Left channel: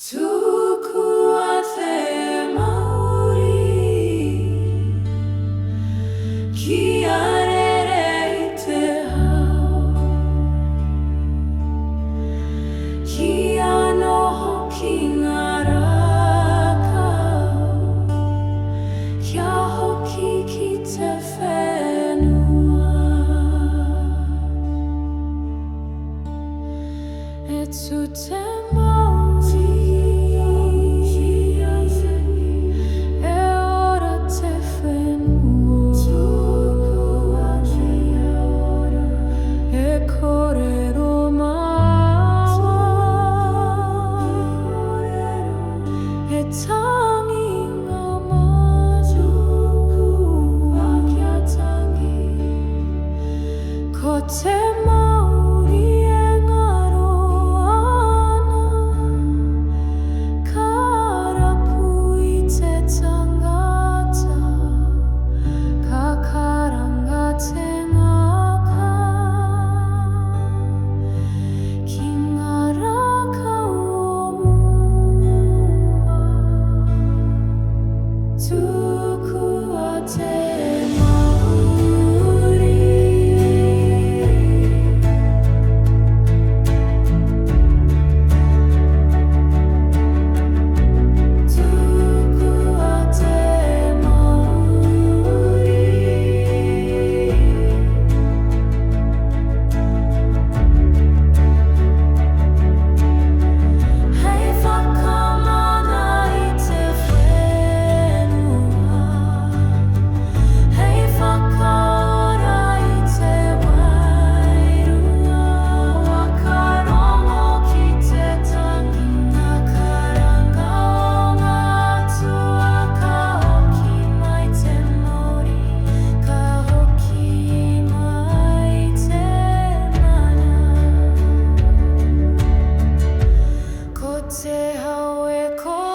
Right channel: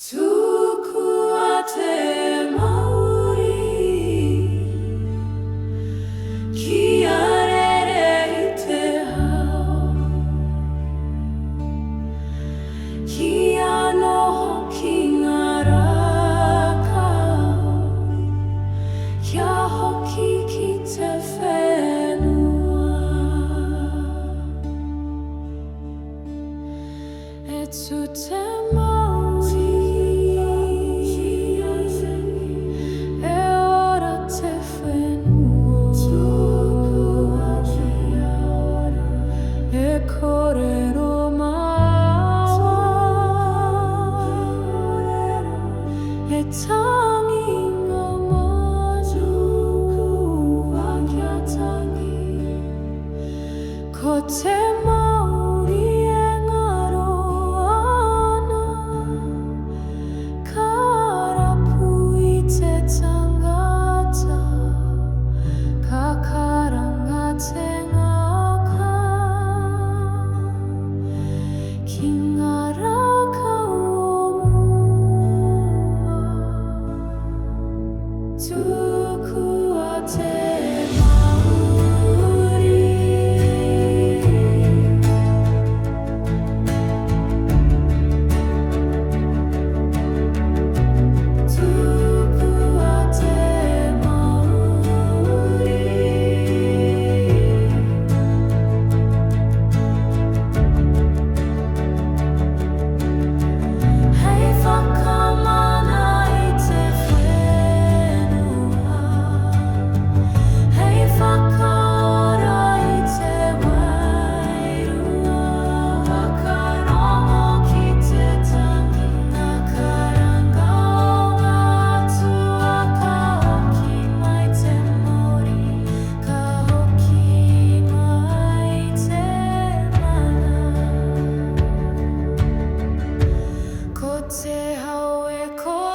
Tukua te mauri kia rere I te hau kia noho ki ngā rākau kia hoki ki te whenua e tu te mauri Kōrero māua e tangi ngā manu kia tangi ko te mauri e ngaro ana ka rapu I te tangata ka karanga te Tukua te mauri Tukua te mauri Hei whakamana I te whakaora I te wairua wakarongo ki te tangi ngā karanga o ngā tua ka hoki mai te mauri ka hoki mai te mana ko te hau e ko